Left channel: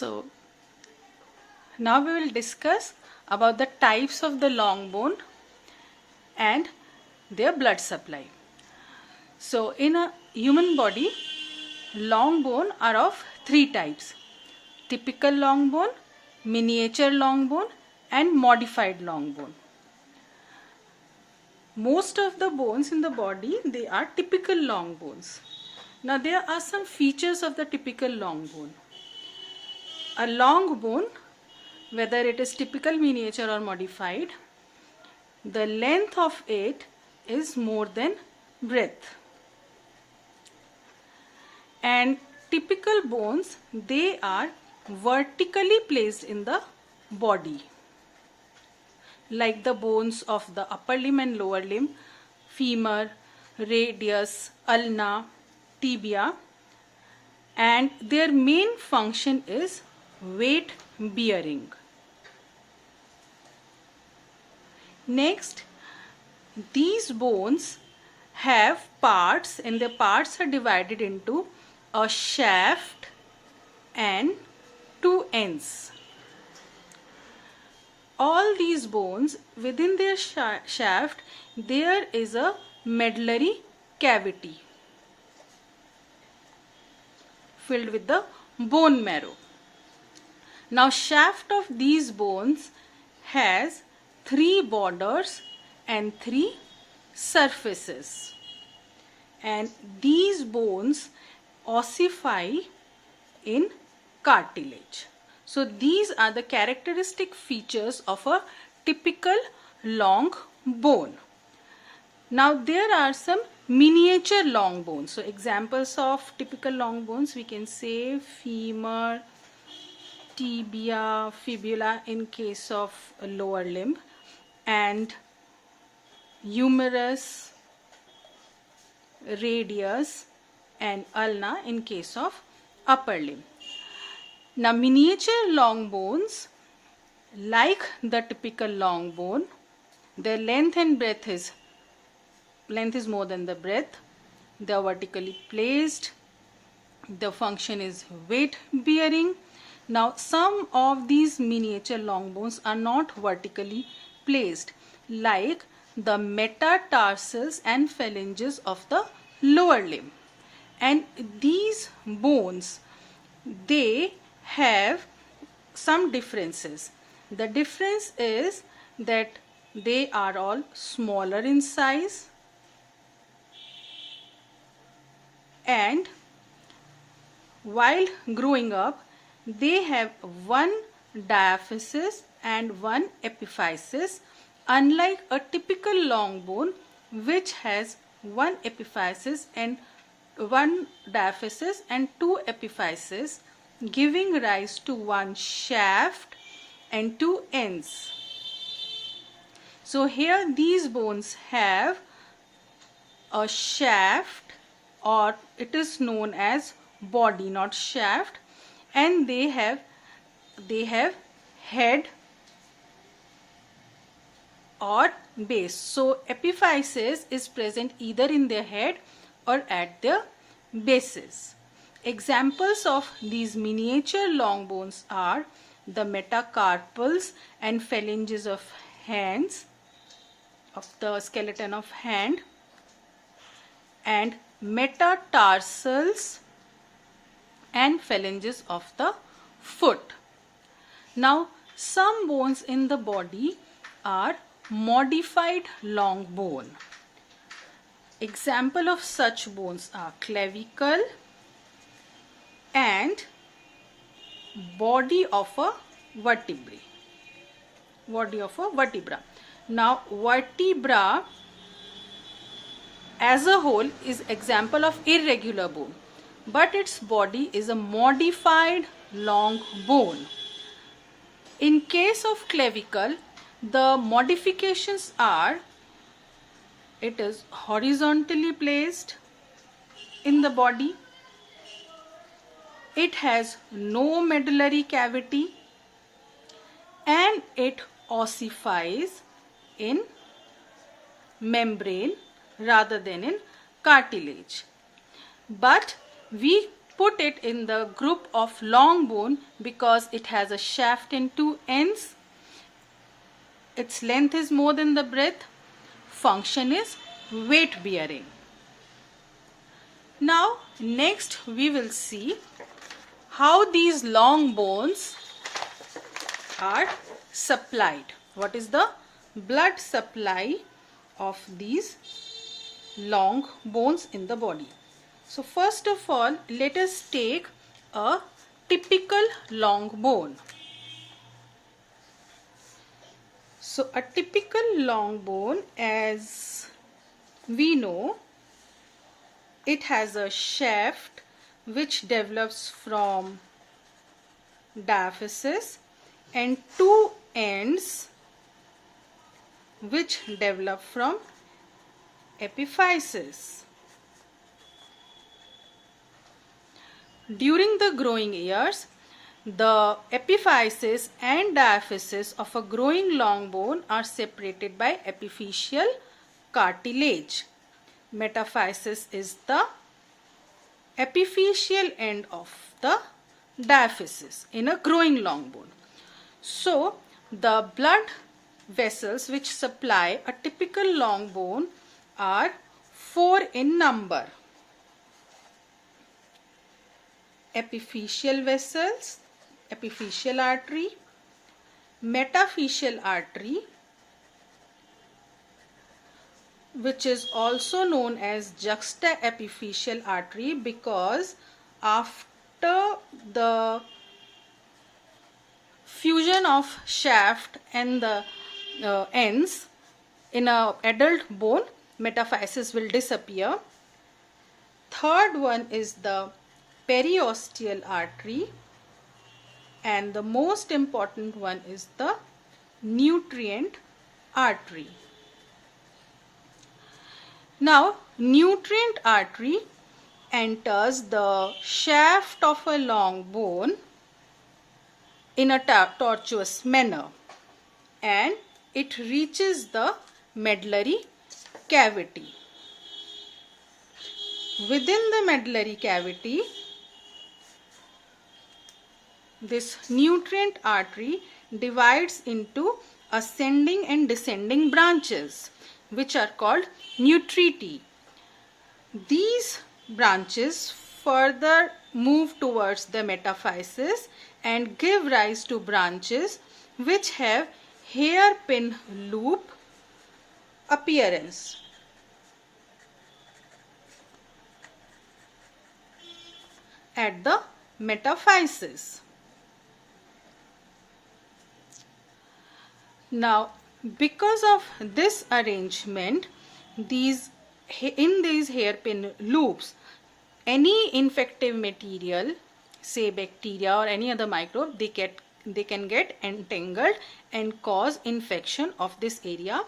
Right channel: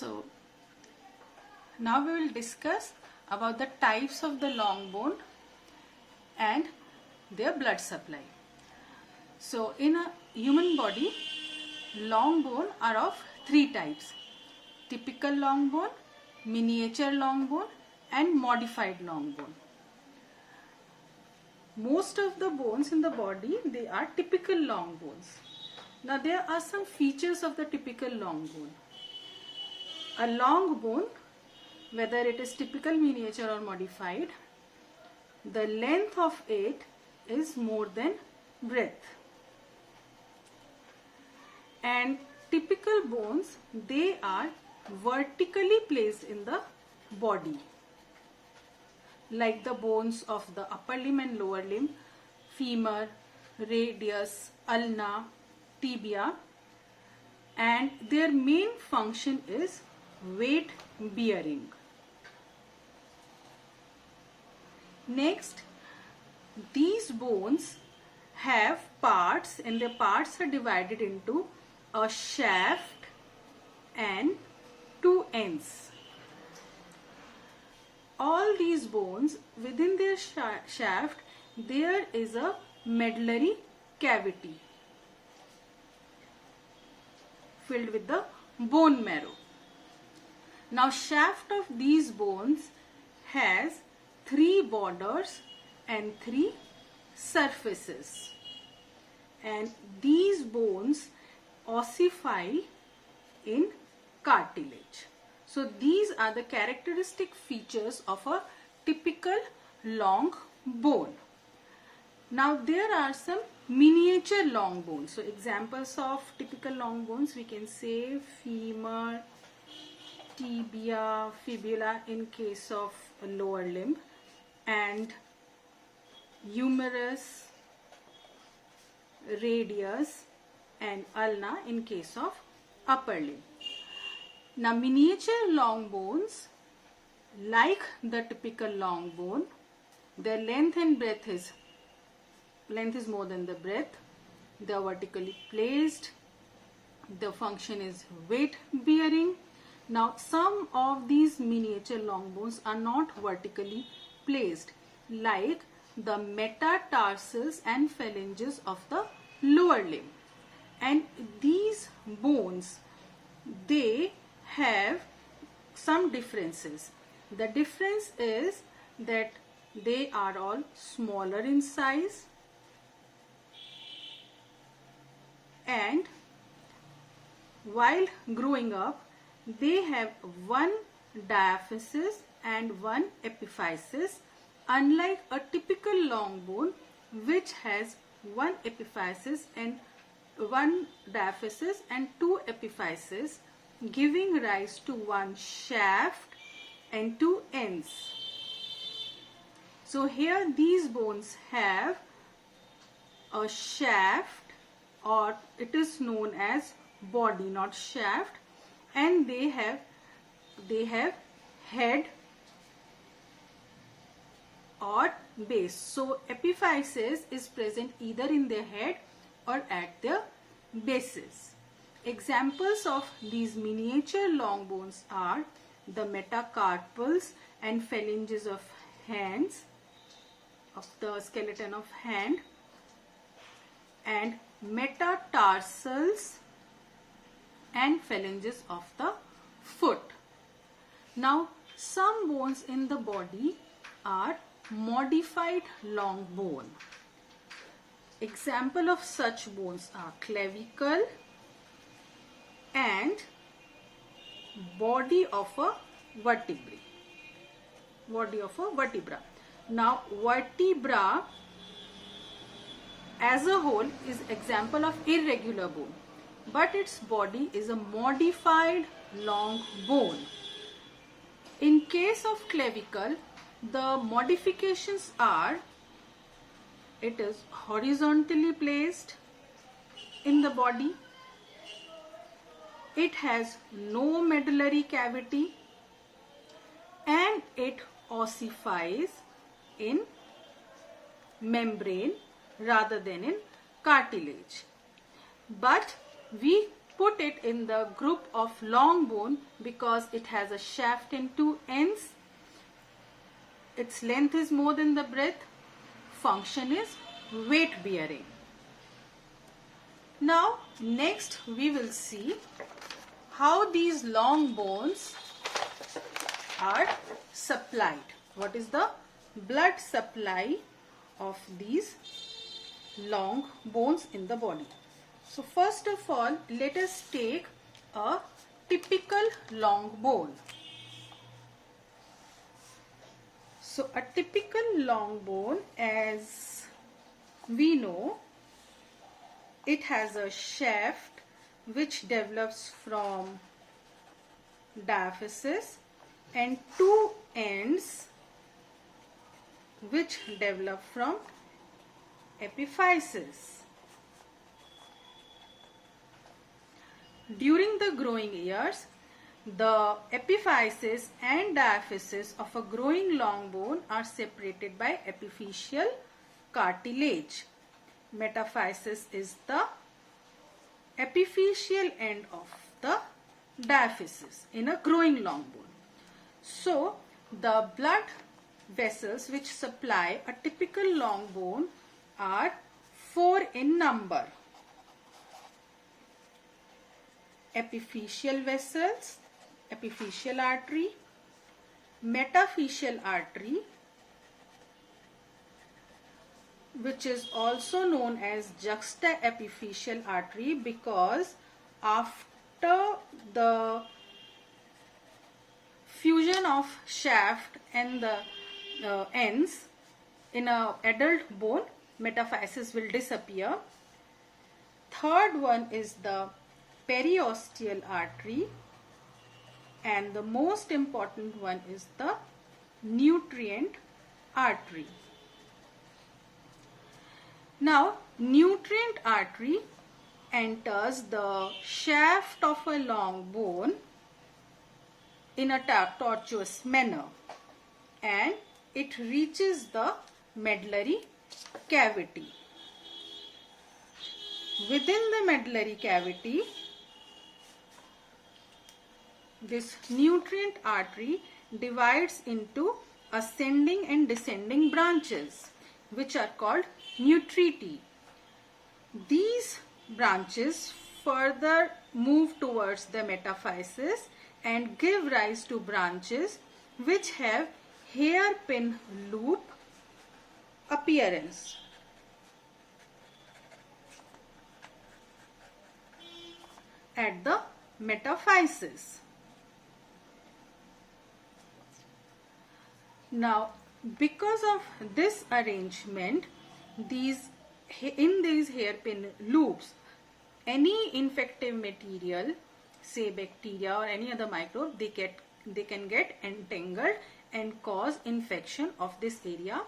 So now we will discuss about the types of the long bone and their blood supply. So in a human body, long bone are of three types: typical long bone, miniature long bone and modified long bone. Most of the bones in the body, they are typical long bones. Now there are some features of the typical long bone. A long bone, whether it is typical, miniature or modified, the length of it is more than breadth. And typical bones, they are vertically placed in the body, like the bones of the upper limb and lower limb, femur, radius, ulna, tibia, and their main function is weight bearing. Next, these bones have parts, and the parts are divided into a shaft and two ends. All these bones, within their shaft, there is a medullary cavity filled with the bone marrow. Now, shaft of these bones has three borders and three surfaces, and these bones ossify in cartilage. So these are the characteristic features of a typical long bone. Now there are some miniature long bones. So examples of typical long bones, we can say femur, tibia, fibula in case of a lower limb, and humerus, radius and ulna in case of upper limb. Now miniature long bones, like the typical long bone, their length is more than the breadth. They are vertically placed. The function is weight bearing. Now some of these miniature long bones are not vertically placed, like the metatarsals and phalanges of the lower limb. And these bones, they have some differences. The difference is that they are all smaller in size, and while growing up, they have one diaphysis and one epiphysis, unlike a typical long bone which has one epiphysis and one diaphysis and two epiphyses, giving rise to one shaft and two ends. So here these bones have a shaft, or it is known as body, not shaft, and they have head or base. So epiphysis is present either in their head or at their bases. Examples of these miniature long bones are the metacarpals and phalanges of hands, of the skeleton of hand, and metatarsals and phalanges of the foot. Now some bones in the body are modified long bone. Example of such bones are clavicle and body of a vertebra. Now vertebra as a whole is example of irregular bone, but its body is a modified long bone. In case of clavicle, the modifications are, it is horizontally placed in the body, it has no medullary cavity, and it ossifies in membrane rather than in cartilage. But we put it in the group of long bone because it has a shaft and two ends. Its length is more than the breadth. Function is weight bearing. Now next we will see how these long bones are supplied. What is the blood supply of these long bones in the body? So first of all, let us take a typical long bone. So a typical long bone, as we know, it has a shaft which develops from diaphysis and two ends which develop from epiphysis. During the growing years, the epiphysis and diaphysis of a growing long bone are separated by epiphyseal cartilage. Metaphysis is the epiphyseal end of the diaphysis in a growing long bone. So, the blood vessels which supply a typical long bone are 4 in number. Epiphyseal vessels, epiphyseal artery, metaphyseal artery, which is also known as juxtaepiphyseal artery because after the fusion of shaft and the ends in an adult bone, metaphysis will disappear. Third one is the periosteal artery, and the most important one is the nutrient artery. Now, nutrient artery enters the shaft of a long bone in a tortuous manner and it reaches the medullary cavity. Within the medullary cavity, this nutrient artery divides into ascending and descending branches, which are called nutriti. These branches further move towards the metaphysis and give rise to branches which have hairpin loop appearance. At the metaphysis. Now, because of this arrangement, in these hairpin loops, any infective material, say bacteria or any other microbe, they can get entangled and cause infection of this area.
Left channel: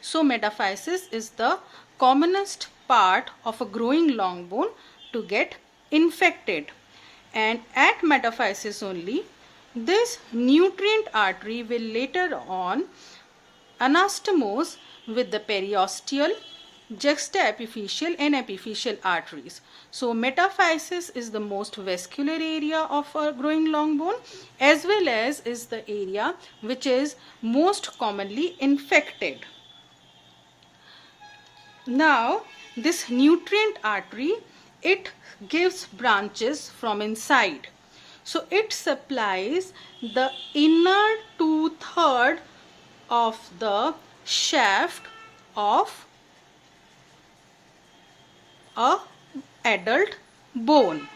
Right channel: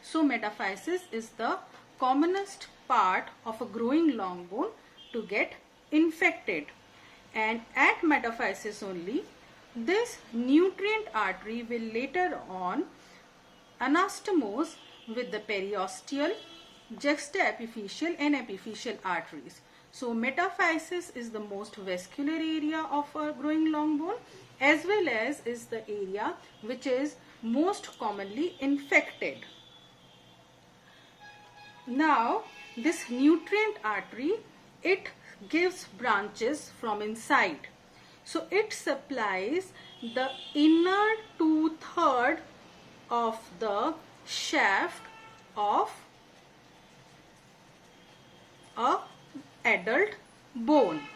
So metaphysis is the commonest part of a growing long bone to get infected, and at metaphysis only this nutrient artery will later on anastomose with the periosteal, juxtaepiphyseal and epiphyseal arteries. So metaphysis is the most vascular area of a growing long bone, as well as is the area which is most commonly infected. Now this nutrient artery, it gives branches from inside. So it supplies the inner 2/3 of the shaft of a adult bone.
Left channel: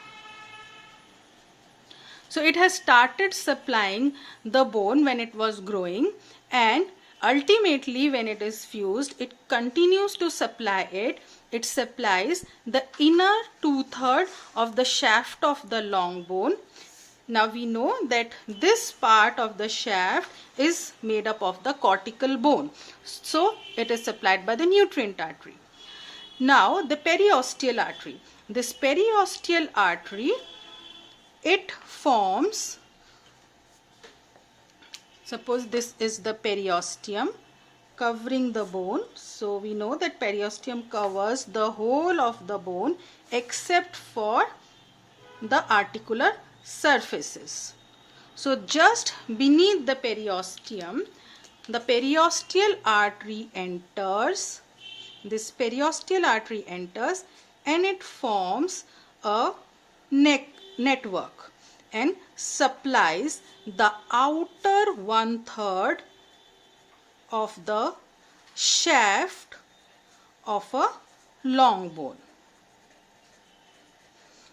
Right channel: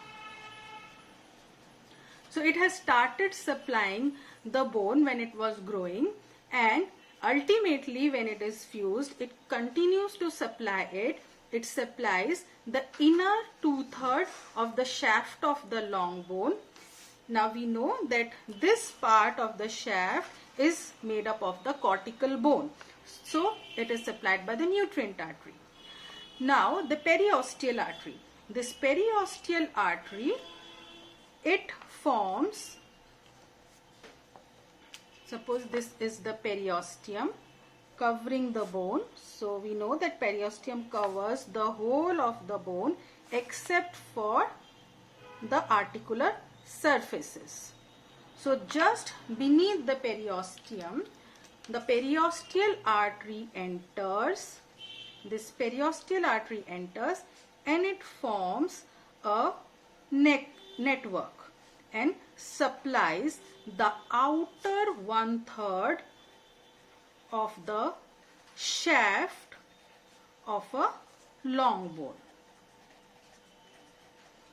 So it has started supplying the bone when it was growing, and ultimately when it is fused, it continues to supply it. It supplies the inner 2/3 of the shaft of the long bone. Now we know that this part of the shaft is made up of the cortical bone. So it is supplied by the nutrient artery. Now the periosteal artery. This periosteal artery, it forms, suppose this is the periosteum covering the bone. So we know that periosteum covers the whole of the bone except for the articular surfaces. So just beneath the periosteum, the periosteal artery enters. This periosteal artery enters and it forms a network and supplies the outer 1/3 of the shaft of a long bone.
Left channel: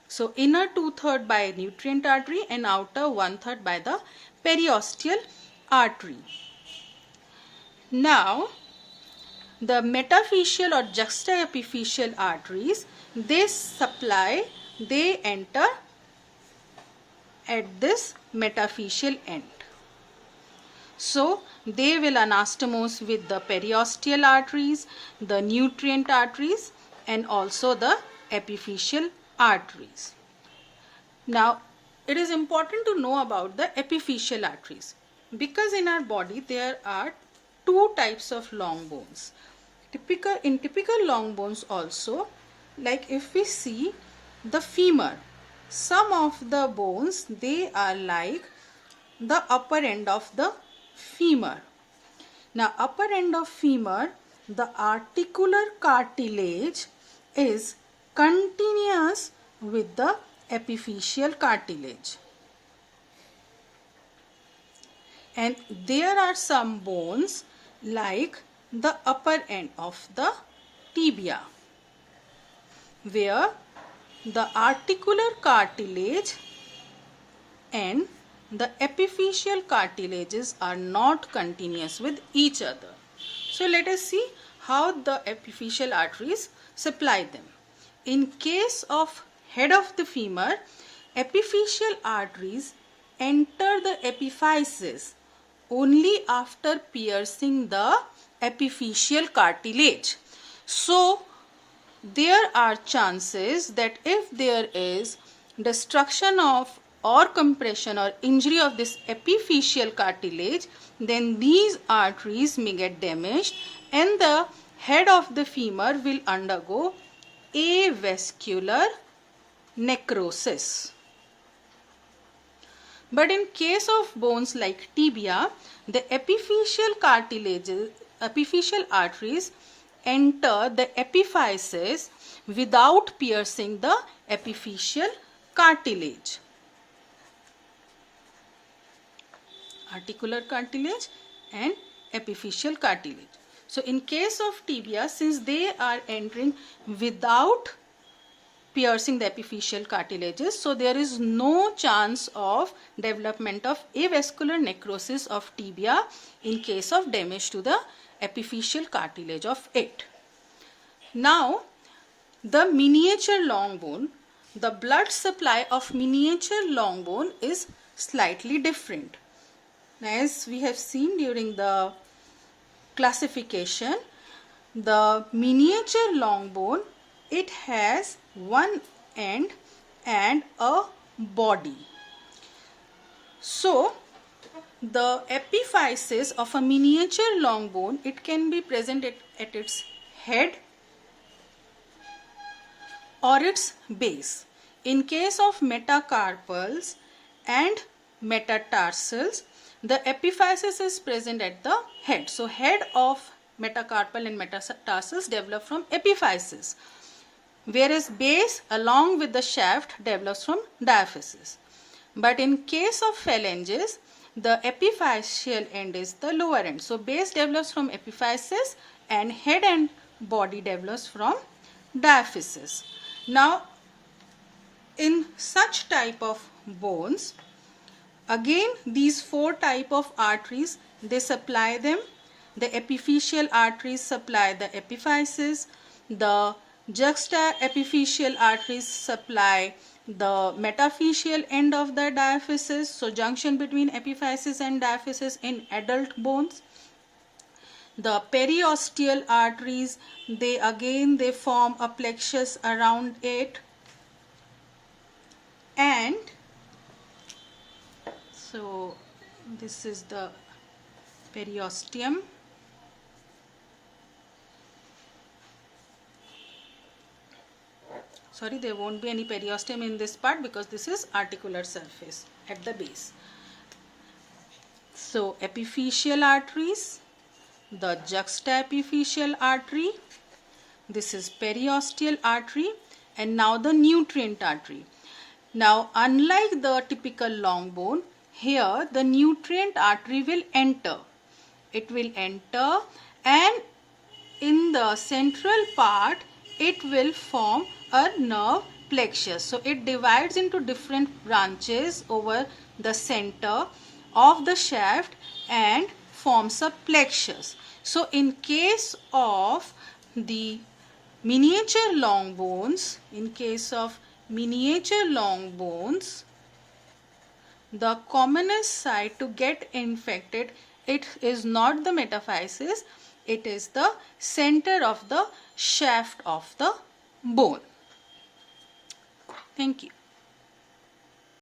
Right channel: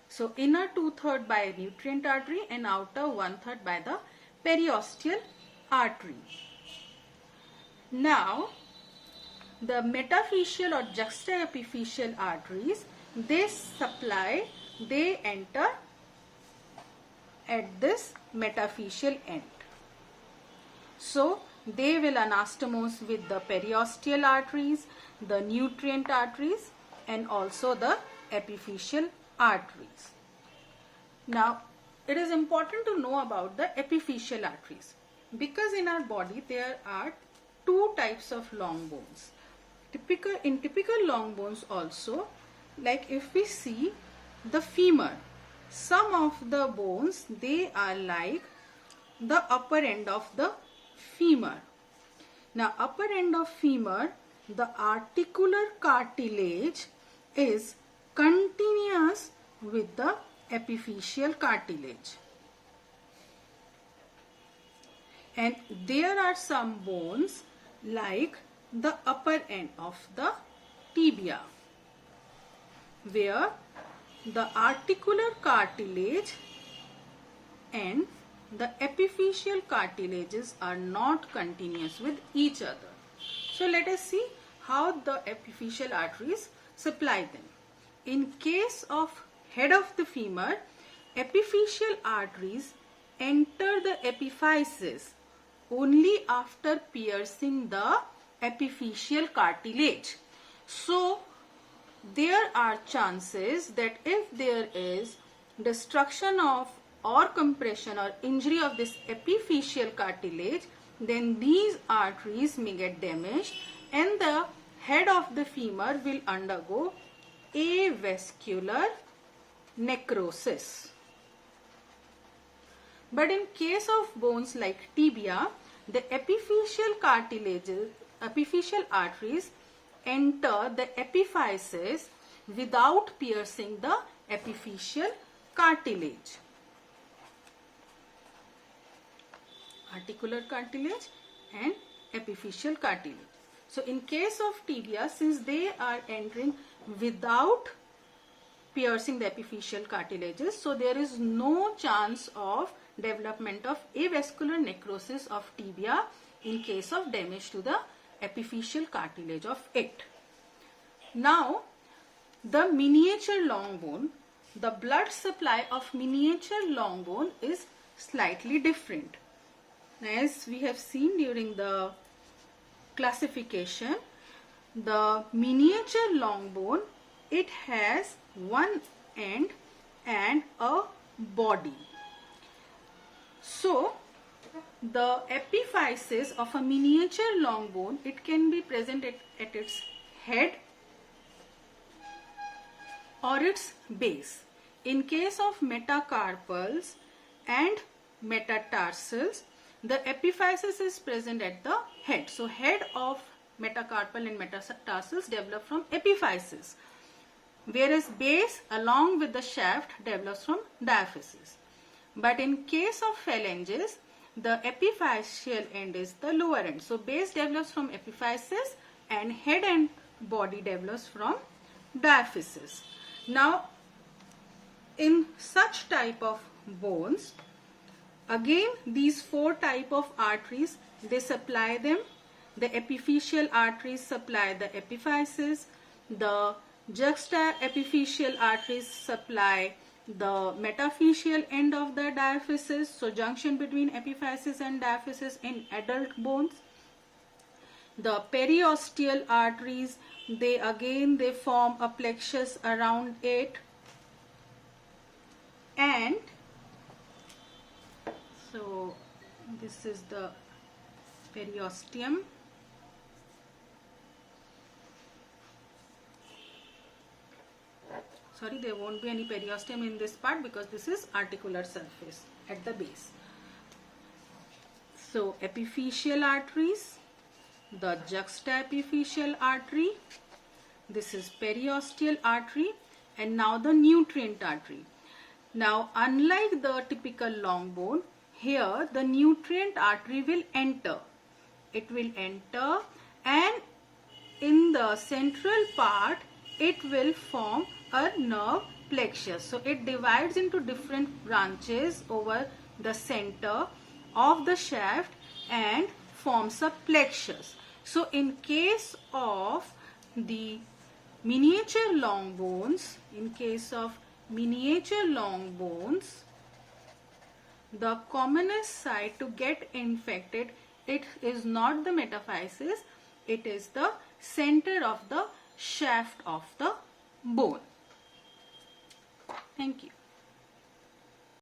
So inner 2/3 by nutrient artery and outer 1/3 by the periosteal artery. Now the metaphyseal or juxtaepiphyseal arteries, they enter at this metaphyseal end. So they will anastomose with the periosteal arteries, the nutrient arteries, and also the epiphyseal arteries. Now it is important to know about the epiphyseal arteries, because in our body there are two types of long bones. In typical long bones also, like if we see the femur, some of the bones, they are like the upper end of the femur. Now upper end of femur, the articular cartilage is continuous with the epiphyseal cartilage. And there are some bones like the upper end of the tibia, where the articular cartilage and the epiphyseal cartilages are not continuous with each other. So let us see how the epiphyseal arteries supply them. In case of head of the femur, epiphyseal arteries enter the epiphysis only after piercing the epiphyseal cartilage. So there are chances that if there is destruction of or compression or injury of this epiphyseal cartilage, then these arteries may get damaged and the head of the femur will undergo avascular necrosis. But in case of bones like tibia, the epiphyseal arteries enter the epiphysis without piercing the epiphyseal cartilage. Articular cartilage and epiphyseal cartilage. So in case of tibia, since they are entering without piercing the epiphyseal cartilages, so there is no chance of development of avascular necrosis of tibia in case of damage to the epiphyseal cartilage of it. Now the miniature long bone, the blood supply of miniature long bone is slightly different. As we have seen during the classification, the miniature long bone, it has one end and a body. So the epiphysis of a miniature long bone, it can be present at its head or its base. In case of metacarpals and metatarsals, the epiphysis is present at the head. So head of metacarpal and metatarsals develop from epiphysis, whereas base along with the shaft develops from diaphysis. But in case of phalanges, the epiphyseal end is the lower end. So base develops from epiphysis and head and body develops from diaphysis. Now in such type of bones, again these four type of arteries, they supply them. The epiphyseal arteries supply the epiphysis, the juxtaepiphyseal arteries supply the metaphyseal end of the diaphysis, so junction between epiphysis and diaphysis in adult bones. The periosteal arteries, they form a plexus around it, and so this is the periosteum. sorry, there won't be any periosteum in this part because this is articular surface at the base. So epiphyseal arteries, the juxtaepiphyseal artery, this is periosteal artery, and now the nutrient artery. Now unlike the typical long bone, here the nutrient artery will enter. It will enter, and in the central part it will form a nerve plexus. So it divides into different branches over the center of the shaft and forms a plexus. So in case of the miniature long bones, the commonest site to get infected, it is not the metaphysis, it is the center of the shaft of the bone. Thank you.